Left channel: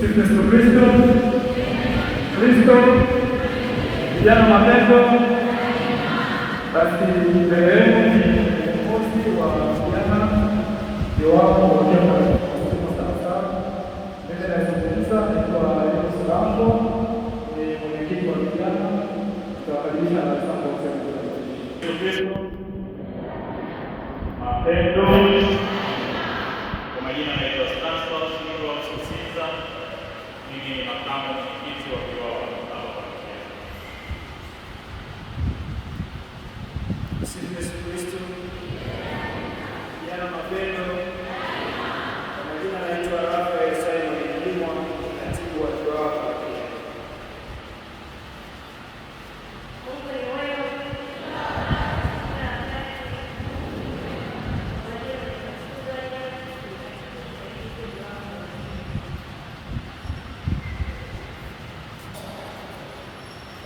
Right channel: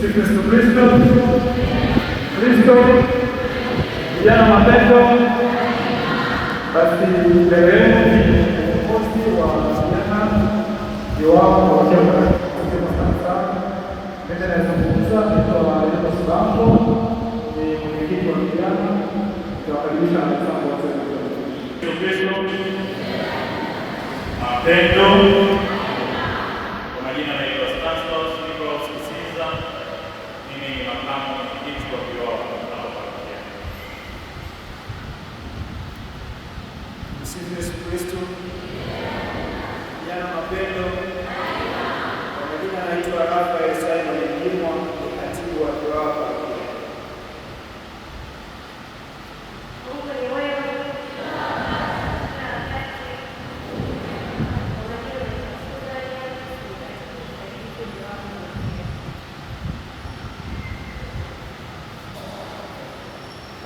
Tumsifu Yesu Kristo. Kristo vijana mapendo. Basi mbele yenu ni kiongozi wa vijana wao wakiwa wanasema sasa. Mimi nazungumza naitwa Enos Lambo, ni mwenyekiti wa vijana. Tutawakaribisha na mchango wa Kristo. Mapendo. Kwa majina naitwa Stanislaus Siza. Mimi ni makamu mwenyekiti wa viwao hapa. Tumsifu Yesu Kristo. Vijana mapendo. Kwa majina naitwa Rafael Simon Ndimo, katibu wa viwao hapa.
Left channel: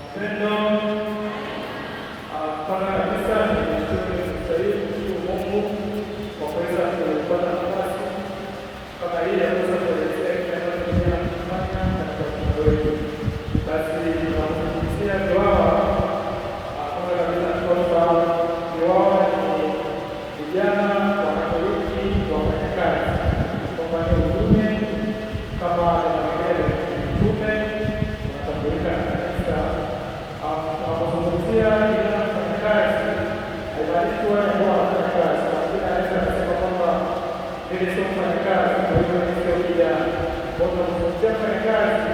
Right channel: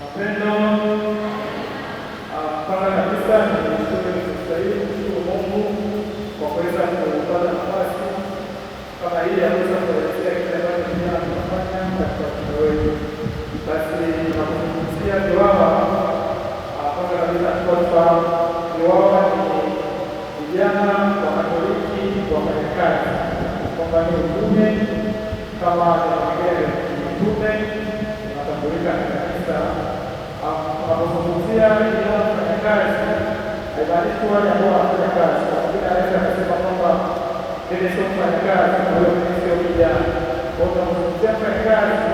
Mapendo. Kwanza kabisa ninashukuru Mungu kwa kuweza kupata nafasi kama hii ya kuweza kuelezea kile ambacho tunafanya katika mkoa wetu. Basi tunapozungumzia viwao, kwanza kabisa kwamba viwao ni vijana wa Katoliki wafanyakazi, kwamba ni utume kama utume unatambulika kabisa. Tunapozungumzia vijana wafanyakazi, ubariki wale ambao wanafanya kazi, anaweza kusema kwamba vile sio mfanyakazi, sio kijana. Kwa hiyo tunapozungumzia mfanyakazi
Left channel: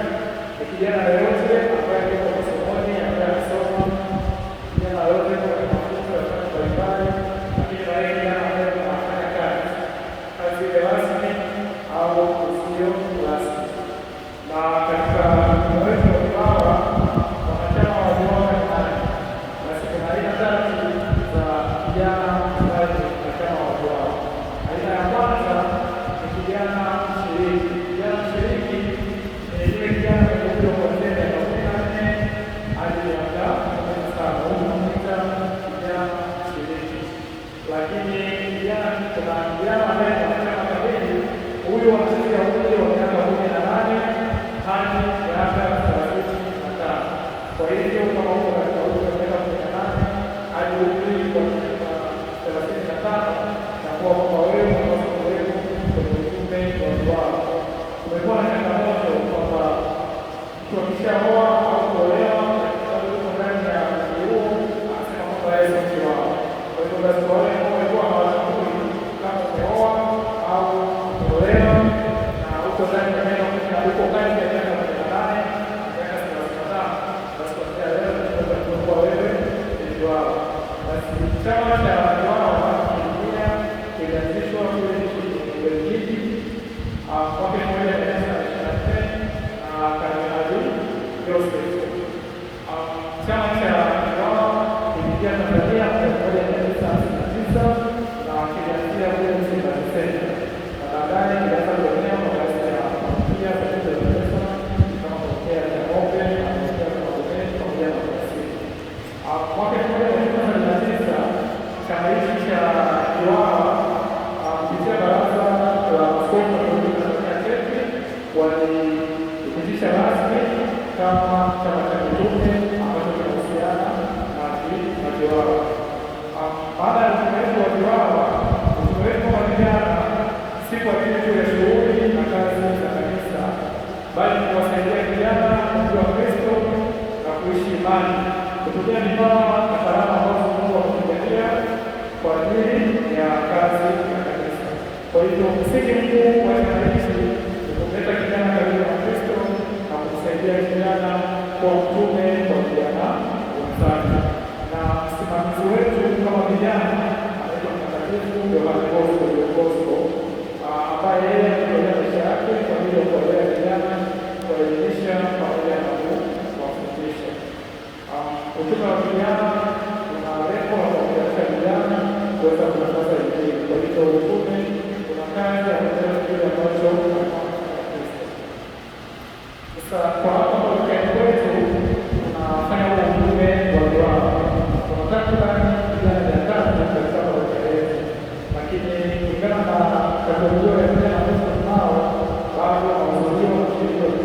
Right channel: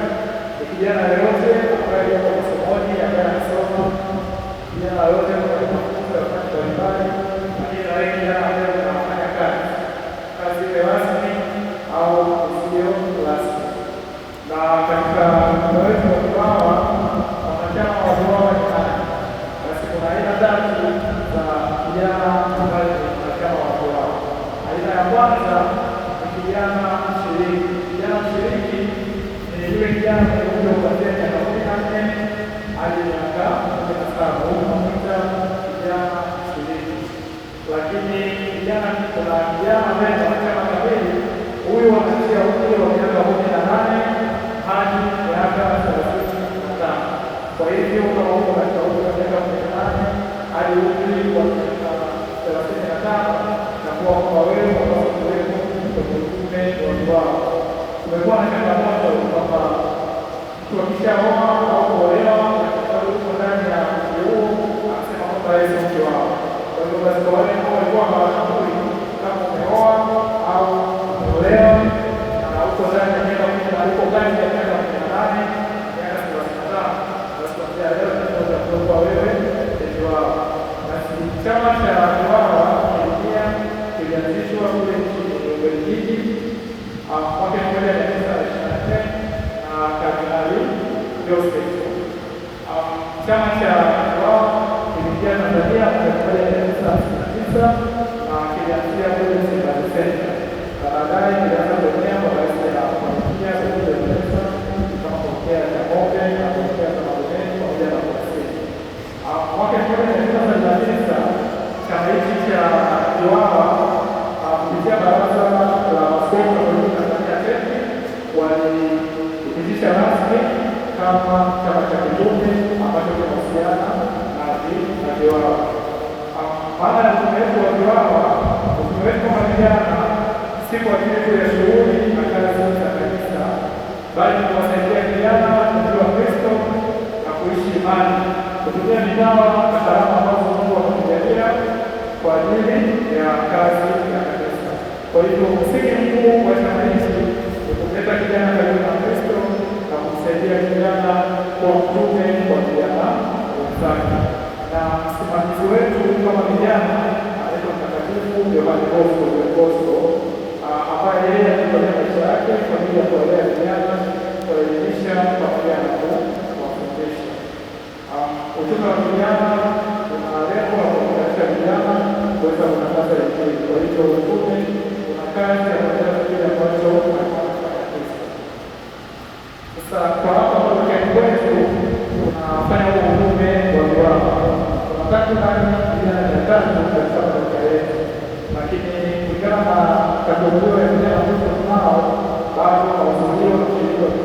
ni kijana yoyote ambaye yuko masomoni, ambaye anasoma, kijana yoyote ambaye anafunza kazi mbalimbali, kijana ambaye anafanya kazi ile rasmi au isiyo rasmi. Na katika mkoa wetu wa Kibaha wanachama wa viwao kuna aina tatu za vijana ambao ni wanachama wa viwao. Aina ya kwanza ni kijana mshiriki. Kijana mshiriki ni yule kijana mwenye umri kuanzia miaka 14 hadi miaka 17. Huyu tunamuita kijana mshiriki. Lakini kuna kijana ambaye ni mwanachama kamili. Huyu anaanzia umri wa miaka 18 hadi miaka 35. Kwa hivyo kama uko katika umri wa miaka 18 hadi umri wa miaka 35, na kwa wewe unapaswa kuwepo kwenye utume wa viwao. Kumekuwa na changamoto kwamba mtu akishaoa au kuolewa katika uko ndani ya mji huu anasema kwamba yeye sio kiwao. Kwa hivyo basi kwa wale ambao walikuwa hawajui kama umeoa au umeolewa na uko ndani ya miaka 18 chama cha viwao kilianzishwa kule nchini Ubelgiji mwaka 1924 na Kardinali Klosters. Chama cha viwao kimeingia Tanzania mwaka 1969 na kilianzia kule nchini Tanzania. Baadaye kilianza kuenea kwa baadhi ya familia kama Pokea na Ng'ombe na Pokea na Ng'ombe pamoja na Kusini. Mwaka 1939 chama hiki cha viwao kupitia baraza la maaskofu walipitisha rasmi kama chama cha kitume ambacho kinahusiana na viwao. Baada ya utume wetu wa viwao, utume wetu wa vijana si kwa ajili ya shughuli na kazi za kanisa, bali kuwasaidia vijana kujua Kristo na kuishi imani kupitia vipawa na karama ambazo Mungu ametujalia kwa ajili ya kazi ya kanisa. Kwa hivyo msingi mkuu wa chama hiki ni kuleta kijana karibu na Kristo na kumsaidia kijana kuwa mtume kwa vijana wenzake. Na msimamizi wetu kama vijana anaitwa Mtakatifu Yohane Bosco, ambaye yeye amefanya maisha yake kwa ajili ya kuwalea vijana, kuwaelimisha pamoja na kuwafundisha. Utume wa vijana una lengo la kuwapatia vijana kuweza kutangaza Injili. Kwa hivyo utume una kazi ya kutangaza kile ambacho anafanya Kristo. Sasa kwa hapa Parokiani kwetu tunafanya utume wa viwao. Takriban vijana 300 katika parokia yetu, lakini kulingana na kategori ya vijana ambao tunao bado wanazaliwa na kushiriki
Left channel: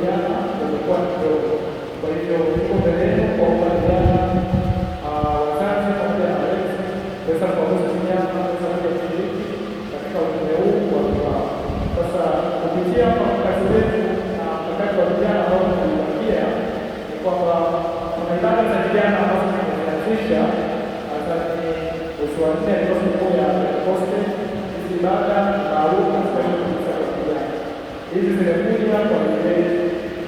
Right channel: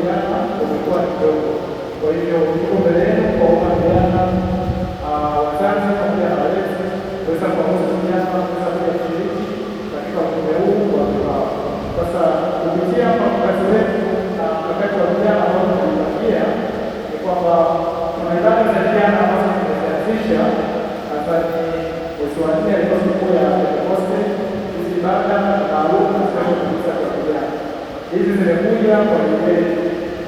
kupitia kwa wenyeji,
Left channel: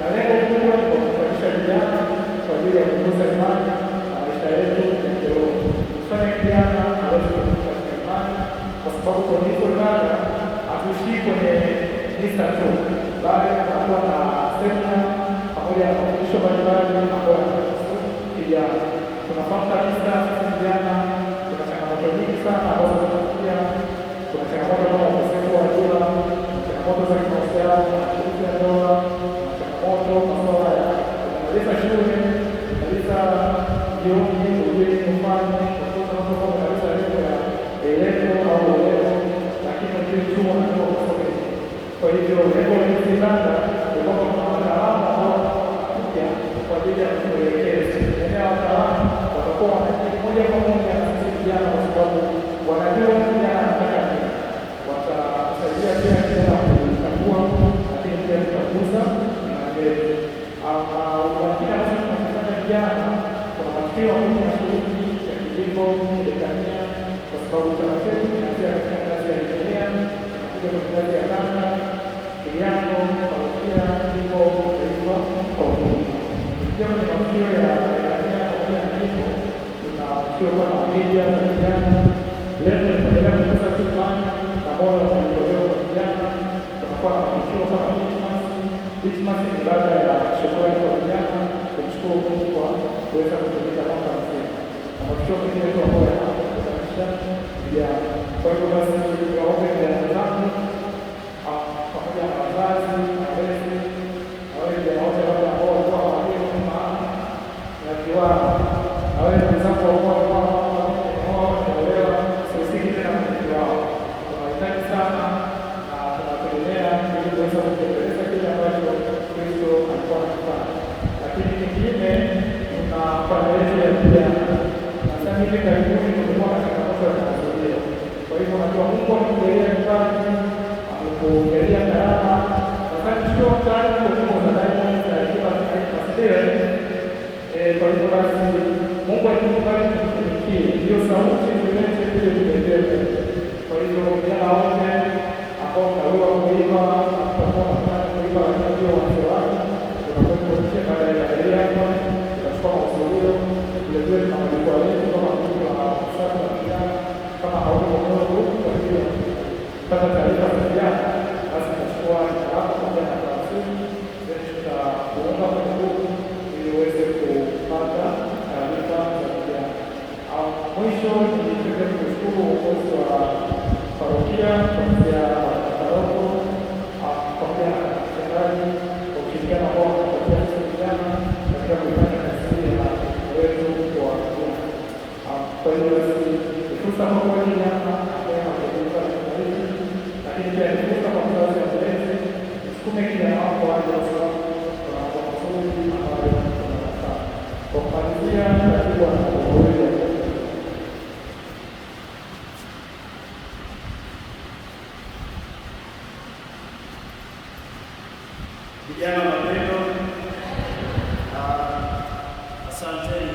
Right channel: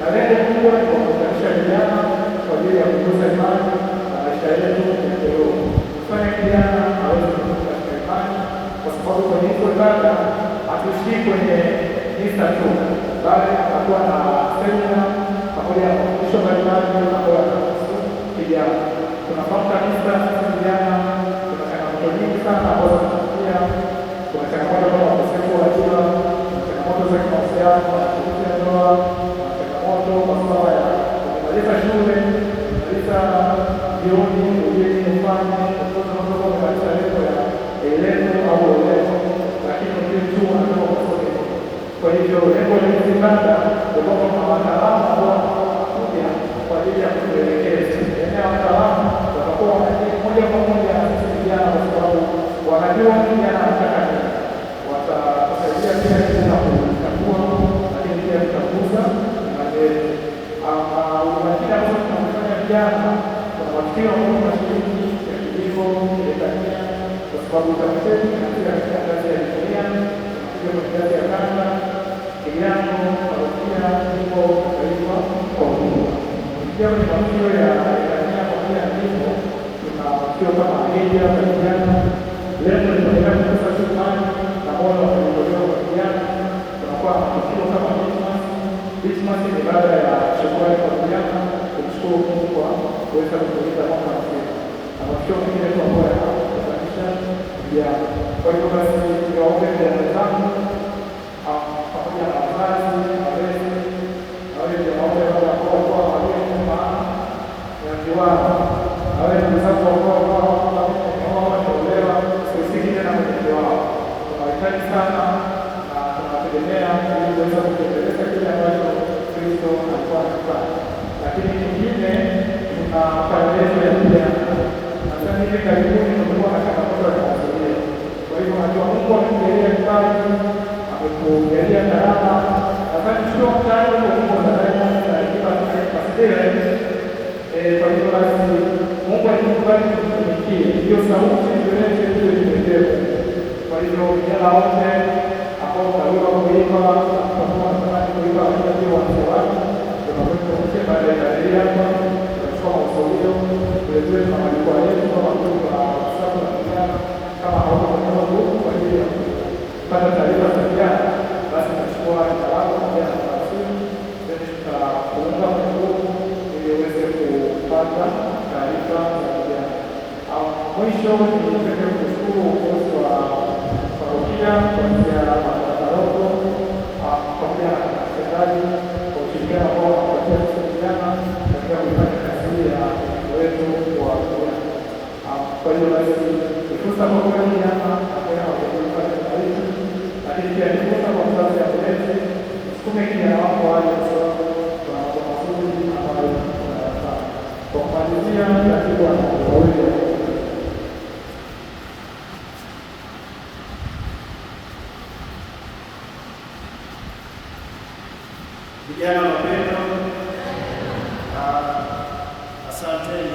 na lengo kubwa ni kuwakutanisha vijana kwa ajili ya kukuza imani na maisha yetu ya kiroho, kufanya kijana aweze kukuza imani, kwa sababu kwenye hizo ibada hatuishii kwenye misa tu, bali atakuwa na semina pamoja na mafundisho mbalimbali ambayo yatahusu kijana. Tunafahamu kabisa sisi vijana tuna changamoto nyingi sana ambazo tunapitia. Kuna changamoto kama ukosefu wa ajira, changamoto za kimahusiano, mashiriki ya ndoa, changamoto masuala ya kumaliza shule, kumaliza jioni, ujeni mfalme, kutoka masomo kumaliza lengo ya elezo au uelezo, lakini kile chuo ndio kusoma. Kwa hivyo lengo la hizi kanda ndio kwamba wataalamu ambao wanakuja kwa ajili ya kutuelekeza eneo wataalamu watakuwa moja kwa moja na sisi vijana, kwa sababu wanajua vijana wanataka nini. Watasaidia pia katika kukagua, lakini pia kukaguza imani yetu. Unafikiri sasa tunafanya vijana kuna matukio ambayo tunashiriki ya kilimo, kidekania, kwa sababu kama zetu tunaanzia katika ngazi ya dunia, tunakuja kwenye ngazi ya kanda, kilimo, parokia, jimbo, taifa kwa ujumla. Pia kwenye matukio ya pamoja na jimbo, tuna matukio kama media za vijana. Leo tunaendelea kukuza imani na moyo wa kuongoza vijana. Tunakuwa na matukio kama Christmas ni baada ya shukrani kwa vijana, kumshukuru Mungu kwa kuweza kutumika mwaka mzima. Na matukio mengine ambayo yanafurahisha vijana. Kwa hiyo basi niwaombe vijana zangu pamoja na wazazi, walezi, na wale vijana wote ambao wanakuwa maana ya kiwanda, na wale ndugu zangu ambao wanaolewa sisi tena matukio wao. Tunahitaji sana tunategemea ili kuweza kutekeleza kile ambacho Kristo alikuwa anafanya. Lakini kingine tunafanya leo ya vijana. Nadhani hivi karibuni tumekuwa na changamoto ya kimazingira. Kwa hivyo najua Mungu amekujalia kipaji, amekujalia karama. Nadhani sio mtaani kwa Mungu anadai na kila kipaji. Kwa hivyo basi Mungu alikubali kutumikia. Hiyo sauti ndio ile imeendelea. Kwa hivyo vijana wote ambao waliwa kuimba pamoja na kuimba ndio wanaoanza tunakwenda kucheka baada ya ile hapa tunachukua masomo ndio na walikuwa yetu kama kuimba sasa kama hapo kwa Mungu. Kwa hiyo kama taarifa za vijana basi tunachukua kalamu pamoja na karatasi ndio tutaunga mkono ili uweze kupata taarifa za vijana. Mwisho tunataka kushukuru uongozi wa parokia kuanzia paroko pamoja na serikali kwa ushirikiano wao kwa kuweza vijana katika kufanya kazi ya wetu wa vijana. Kwa hiyo basi fursa kwa vijana pamoja na kuongoza serikali, lakini pia ni fursa kwa wazazi wa kulezi kusukume kijana wako waje kwa sababu kuna mambo mazuri ambayo tunafanya. Kwa kumalizia ratiba ya wawili vijana wapendwa, asanteni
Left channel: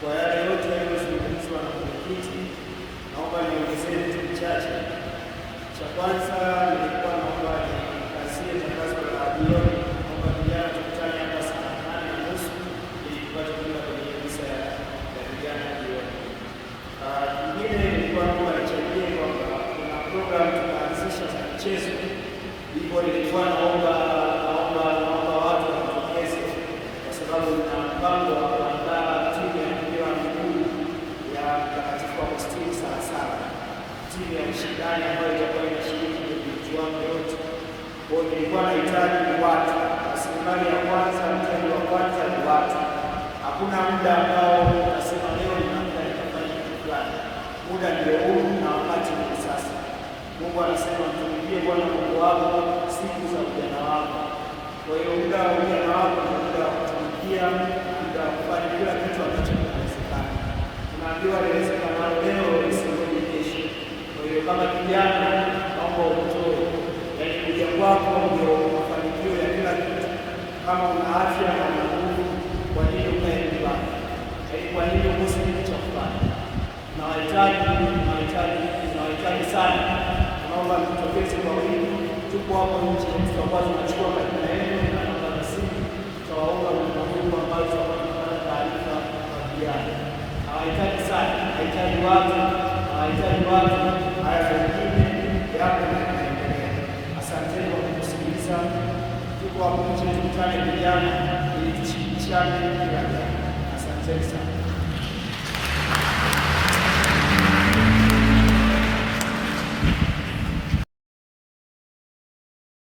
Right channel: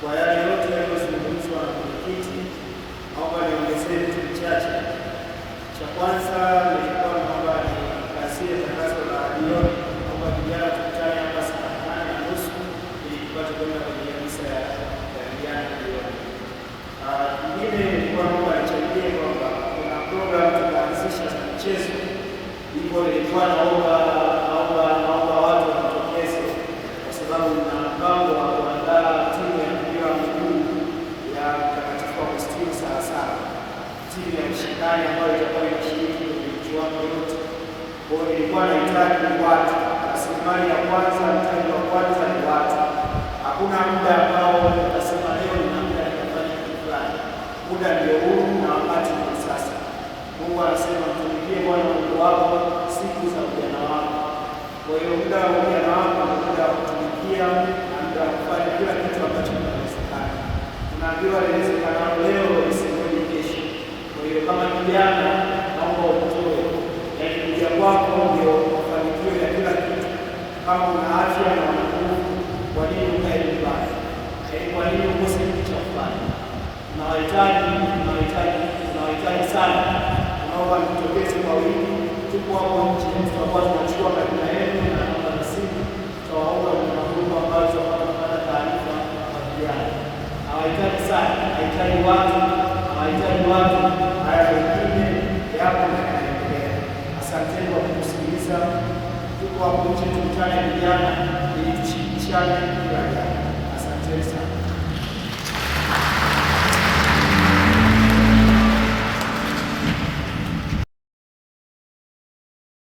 kwa yale yote yaliyozungumzwa na mwenyekiti. Naomba niongezee vitu vichache. Cha kwanza nilikuwa naomba nikazie tangazo la jioni, naomba vijana tukutane hapa saa 8:30 ili tupate kwenda kwenye misa ya vijana jioni. Nyingine nilikuwa naomba nichangie kwamba kuna program tunaanzisha za michezo. Hivyo nilikuwa naomba watu wajitokeze, kwa sababu na mpango wa kuandaa timu ya mpira wa miguu ya Mtakatifu Agustini sana, timu ya mshindani ambayo itakuwa inashiriki kwenye kiwango yote. Kwa hiyo nilikuwa nahitaji watu. Rasilimali ya kwanza, mtaji wa kwanza ni watu. Hakuna muda ambao utasema leo nina muda nikafanya kitu fulani. Muda ndio huu na wakati ni sasa. Mungu anasema mtumikie Bwana Mungu wako siku za ujana wako. Kwa hiyo muda wa ujana wako ni muda wa kutumikia, muda wa kufanya kila kitu ambacho kinawezekana. Tunaambiwa inawezekana leo isingeni kesho. Kwa hiyo kama kijana, naomba utoe, yaani kuja kwako ndio mafanikio ya kila kitu. Kama una afya na nguvu, kwa nini ukae nyumbani? Kwa nini ukose kitu cha kufanya? Tunawahitaji sana. Naomba mtokeze kwa wingi tupo hapo nje, tutakuwa tunachukua majina yenu na namba za simu, tutawaomba kwa namba ambazo wanapata taarifa kwa vijana. Hawahitaji sana, hahitaji watu